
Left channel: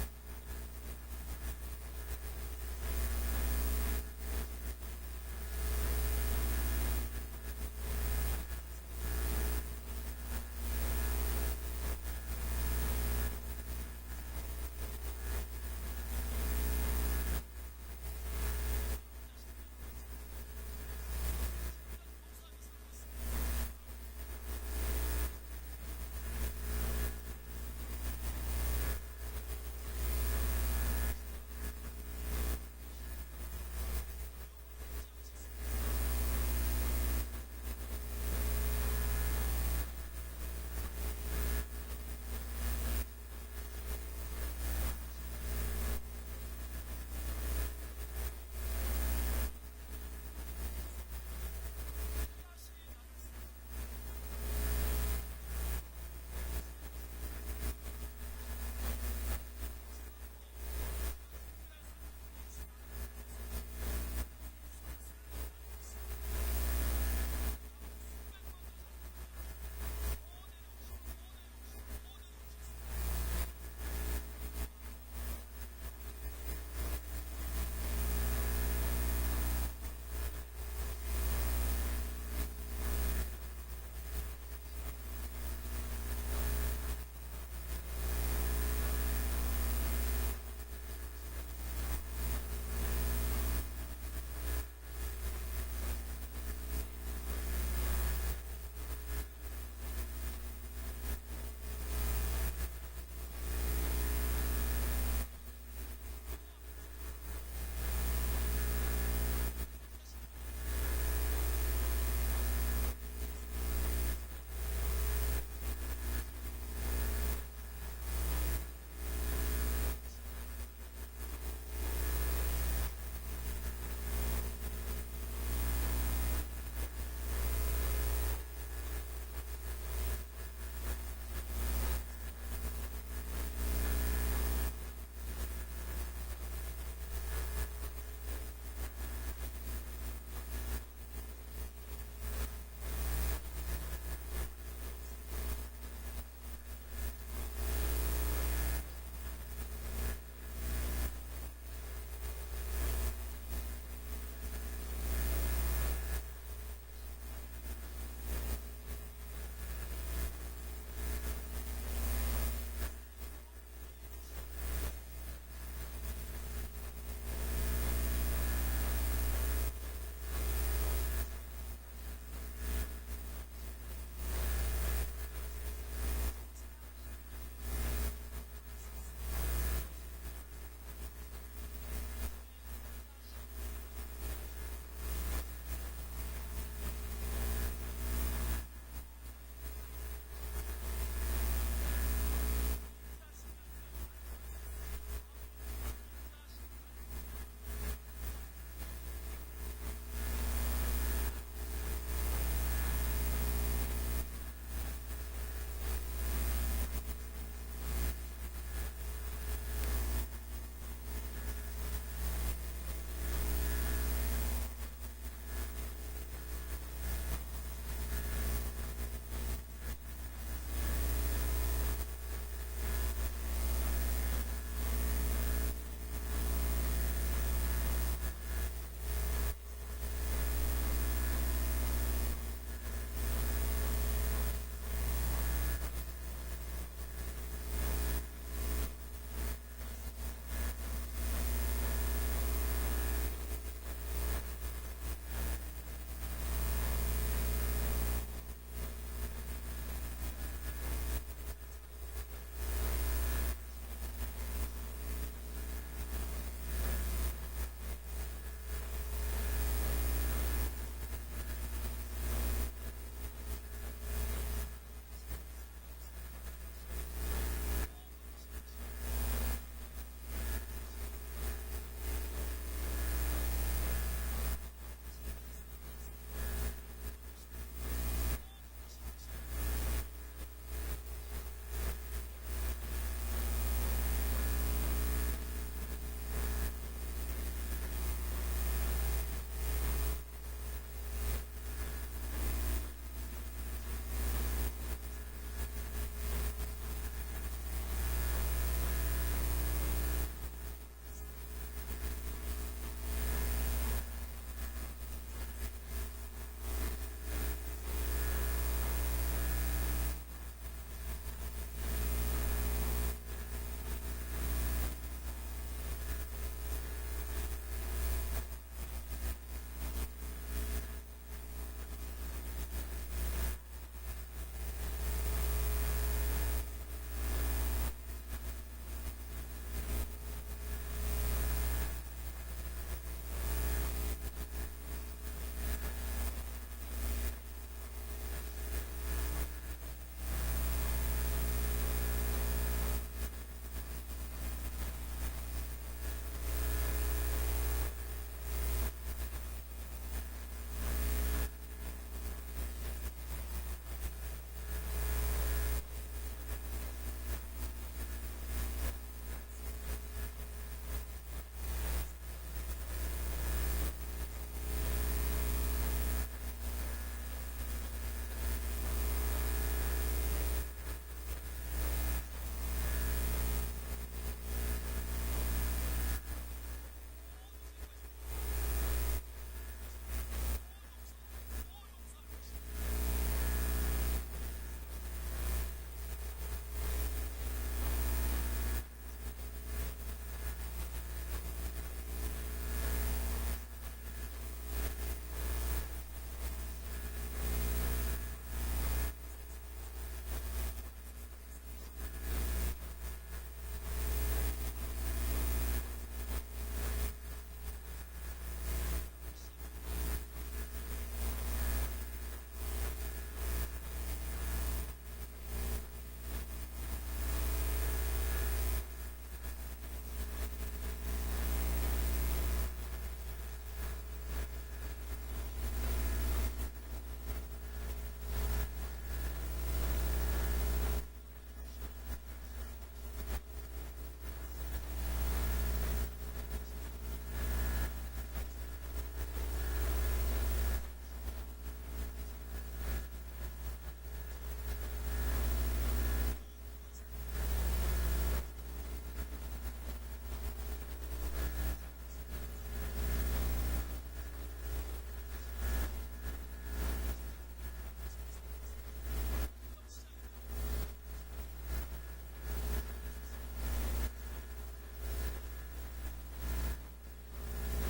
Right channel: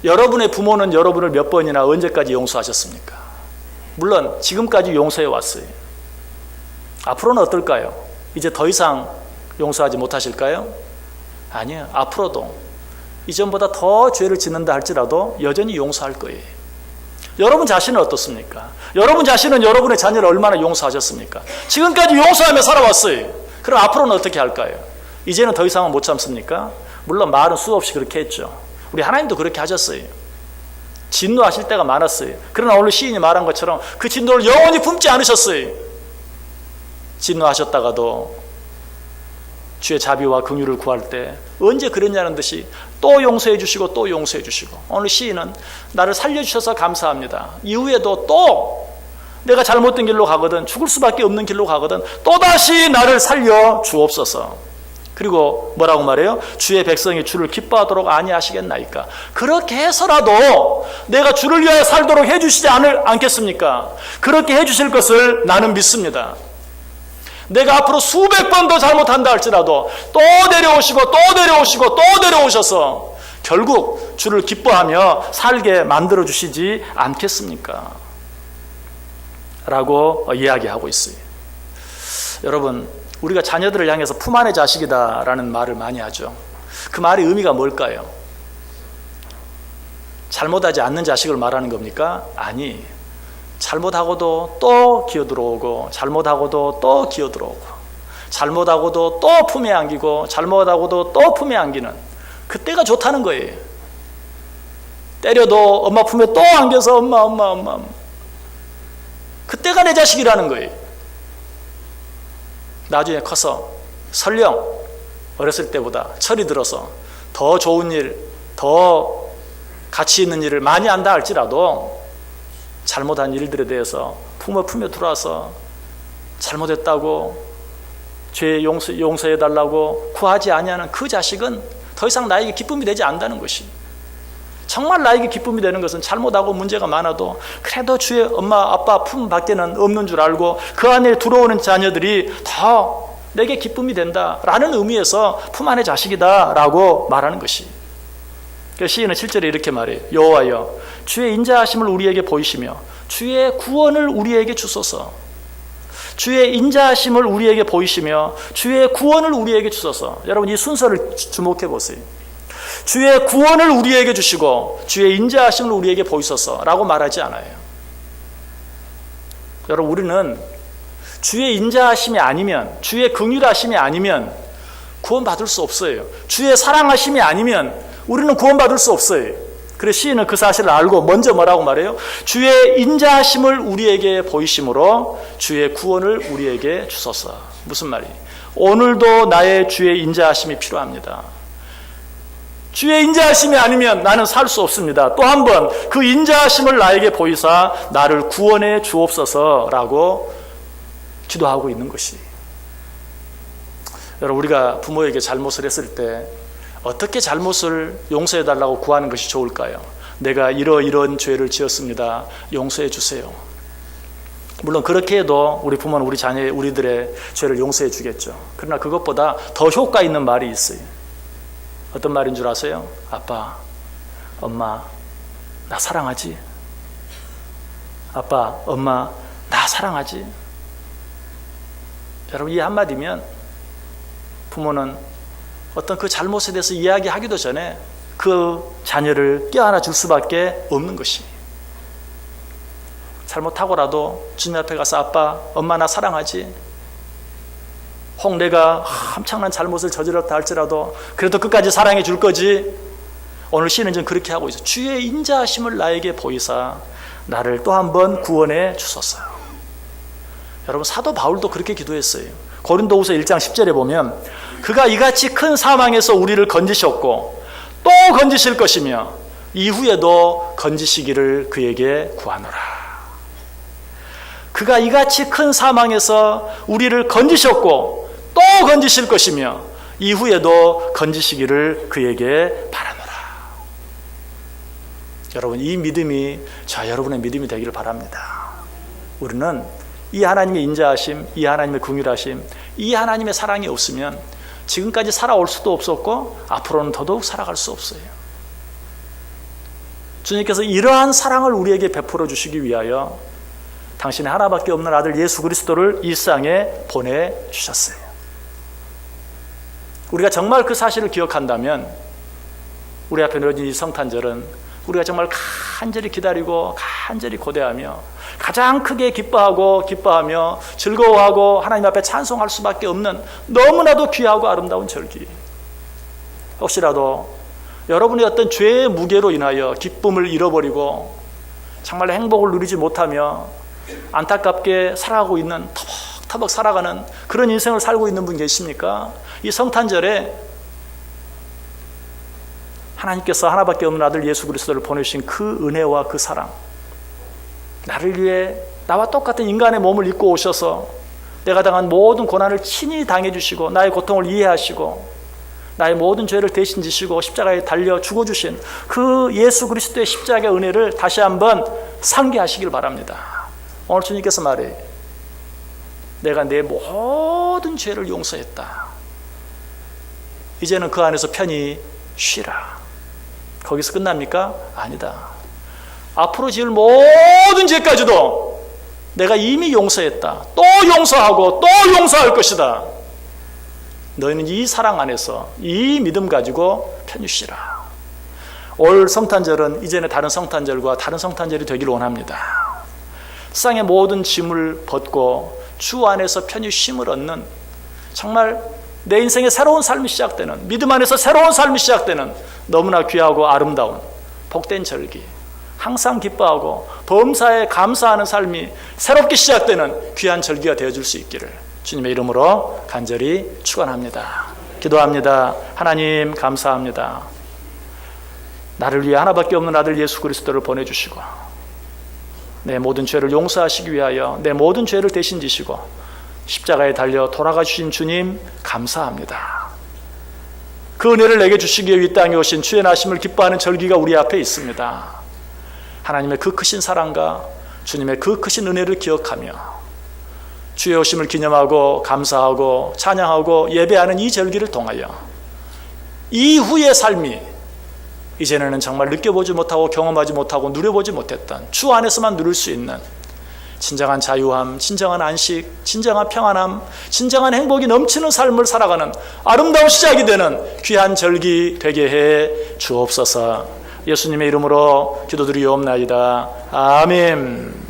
여러분의 부모는 여러분을 몇 번이나 언제까지 용서하셨습니까? 물론 지금까지 용서해 왔어요. 앞으로는 어떨까요? 이제 더 이상 용서하지 못하실까요? 아니요. 앞으로도 이전보다 더 죄를 짓는다 할지라도 여전히 용서할 거예요. 여러분 자신은 어떻습니까? 여러분 자신은 여러분의 자녀를 얼마나 용서하셨습니까? 지금까지 용서하며 살아왔어요. 그럼 앞으로는 어떻게 할까요? 이제는 더 이상은 못 참습니까? 물론 말은 수없이 그렇게 했죠. 우리 하나님도 그렇게 하셨어요. 진노하실 때가 많았어요. 그러나 오늘 시인이 말한 것처럼 그 진노를 영원히 품지 않으셨어요. 진노하셨다가도 주의 자비와 긍휼을 구할 때 언제 그랬냐는 듯이 또 용서해 주시고 또 용서해 주시고, 오늘 시인은 나를 살려주셔서 감사합니다. 이후에도 또 내가 잘못된 길로 가거든, 죽을 수밖에 없는 길로 가거든 또다시 나를 살려 주옵소서. 그리고 뭐라고 말해요? 주의 백성이 주를 기뻐하도록 아니하시겠나이까. 그렇게 해서라도 내가 주를 위하여 살도록 해주시지 않겠습니까? 그렇게 해주실 것을 나는 믿습니다. 내가 앞으로 수백 번 더 잘못한다 할지라도 또 내려오시고 또 내려오시고 또 내려오셔서 결국 주를 기뻐하며 살게 만들어 주시지 않겠습니까? 라고 이야기하고 있어요. 여러분, 우리가 자녀들을 향해서 품 안의 자식이다라는 말을 많이 하죠. 그 말의 의미가 뭘까요? 잘못하지 않는 자식을 말하는 겁니까? 아니, 잘못하고도 또 기어들어오고 잘못하고도 또 기어들어오고 잘못하고도 또 품에 안기고 잘못하고도 또 품에 안기는 그때가 좋다는 거예요. 때려도 엄마 품에 또 안겨서 엄마 그때가 내 자식이라는 거예요. 나중에 커서 설령 어렸을 때보다 철이 들어서 더 좋은 일, 더 가치 있는 일을 많이 한다 할지라도 잘못한 일들에 대해서 품에 들어와서 잘못했다고 죄 용서해달라고 구하지 아니하는 그 자식은 더 이상 나에게 기쁨이 되지 않는다는 것이. 정말 나에게 기쁨이 되는 것은 잘못하고 문제가 많아도 그래도 주의 엄마 아빠 품 밖에는 없는 줄 알고 그 안에 들어오는 자녀들이 더 내게 기쁨이 된다라는 의미에서 품 안의 자식이다라고 말하는 것이. 시인은 7절에 이렇게 말해요. 여호와여 주의 인자하심을 우리에게 보이시며 주의 구원을 우리에게 주소서. 주의 인자하심을 우리에게 보이시며 주의 구원을 우리에게 주소서. 여러분, 이 순서를 주목해 보세요. 주의 구원을 우리에게 주시고 주의 인자하심을 우리에게 보이소서라고 말하지 않아요. 여러분, 우리는 주의 인자하심이 아니면, 주의 긍휼하심이 아니면 구원받을 수 없어요. 주의 사랑하심이 아니면 우리는 구원받을 수 없어요. 그래서 시인은 그 사실을 알고 먼저 뭐라고 말해요? 주의 인자하심을 우리에게 보이심으로 주의 구원을 우리에게 주소서. 무슨 말이에요? 오늘도 나의 주의 인자하심이 필요합니다. 주의 인자하심이 아니면 나는 살 수 없습니다. 또 한 번 그 인자하심을 나에게 보이사 나를 구원해 주옵소서라고 기도하고 있는 것이. 여러분, 우리가 부모에게 잘못을 했을 때 어떻게 잘못을 용서해달라고 구하는 것이 좋을까요? 내가 이런 죄를 지었습니다. 용서해 주세요. 물론 그렇게 해도 우리 부모는 우리들의 죄를 용서해 주겠죠. 그러나 그것보다 더 효과 있는 말이 있어요. 어떤 말인 줄 아세요? 아빠, 엄마, 나 사랑하지? 아빠, 엄마, 나 사랑하지? 여러분, 이 한마디면 부모는 어떤 그 잘못에 대해서 이야기하기도 전에 그 자녀를 껴안아 줄 수밖에 없는 것이. 잘못하고라도 주님 앞에 가서 아빠, 엄마 나 사랑하지? 혹 내가 엄청난 잘못을 저질렀다 할지라도 그래도 끝까지 사랑해 줄 거지? 오늘 시인은 좀 그렇게 하고 있어요. 주의 인자하심을 나에게 보이사 나를 또 한 번 구원해 주소서. 여러분, 사도 바울도 그렇게 기도했어요. 고린도후서 1장 10절에 보면 그가 이같이 큰 사망에서 우리를 건지셨고 또 건지실 것이며 이후에도 건지시기를 그에게 구하노라. 그가 이같이 큰 사망에서 우리를 건지셨고 또 건지실 것이며 이후에도 건지시기를 그에게 바라노라. 여러분, 이 믿음이 여러분의 믿음이 되기를 바랍니다. 우리는 이 하나님의 인자하심, 이 하나님의 긍휼하심, 이 하나님의 사랑이 없으면 지금까지 살아올 수도 없었고 앞으로는 더더욱 살아갈 수 없어요. 주님께서 이러한 사랑을 우리에게 베풀어 주시기 위하여 당신의 하나밖에 없는 아들 예수 그리스도를 이 세상에 보내주셨어요. 우리가 정말 그 사실을 기억한다면 우리 앞에 놓여진 이 성탄절은 우리가 정말 간절히 기다리고 간절히 고대하며 가장 크게 기뻐하며 즐거워하고 하나님 앞에 찬송할 수밖에 없는 너무나도 귀하고 아름다운 절기. 혹시라도 여러분의 어떤 죄의 무게로 인하여 기쁨을 잃어버리고 정말 행복을 누리지 못하며 안타깝게 살아가고 있는, 터벅터벅 살아가는 그런 인생을 살고 있는 분 계십니까? 이 성탄절에 하나님께서 하나밖에 없는 아들 예수 그리스도를 보내주신 그 은혜와 그 사랑, 나를 위해 나와 똑같은 인간의 몸을 입고 오셔서 내가 당한 모든 고난을 친히 당해주시고 나의 고통을 이해하시고 나의 모든 죄를 대신 지시고 십자가에 달려 죽어주신 그 예수 그리스도의 십자가의 은혜를 다시 한번 상기하시길 바랍니다. 오늘 주님께서 말해요. 내가 내 모든 죄를 용서했다. 이제는 그 안에서 편히 쉬라. 거기서 끝납니까? 아니다. 앞으로 지을 모든 죄까지도 내가 이미 용서했다. 또 용서하고 또 용서할 것이다. 너희는 이 사랑 안에서 이 믿음 가지고 편히 쉬라. 올 성탄절은 이제는 다른 성탄절과 다른 성탄절이 되기를 원합니다. 세상의 모든 짐을 벗고 주 안에서 편히 쉼을 얻는, 정말 내 인생의 새로운 삶이 시작되는, 믿음 안에서 새로운 삶이 시작되는 너무나 귀하고 아름다운 복된 절기, 항상 기뻐하고 범사에 감사하는 삶이 새롭게 시작되는 귀한 절기가 되어줄 수 있기를 주님의 이름으로 간절히 축원합니다. 기도합니다. 하나님 감사합니다. 나를 위해 하나밖에 없는 아들 예수 그리스도를 보내주시고 내 모든 죄를 용서하시기 위하여 내 모든 죄를 대신 지시고 십자가에 달려 돌아가 주신 주님 감사합니다. 그 은혜를 내게 주시기 위해 이 땅에 오신 주의 나심을 기뻐하는 절기가 우리 앞에 있습니다. 하나님의 그 크신 사랑과 주님의 그 크신 은혜를 기억하며 주의 오심을 기념하고 감사하고 찬양하고 예배하는 이 절기를 통하여 이후의 삶이 이제는 정말 느껴보지 못하고 경험하지 못하고 누려보지 못했던 주 안에서만 누릴 수 있는 진정한 자유함, 진정한 안식, 진정한 평안함, 진정한 행복이 넘치는 삶을 살아가는 아름다운 시작이 되는 귀한 절기 되게 해 주옵소서. 예수님의 이름으로 기도드리옵나이다. 아멘.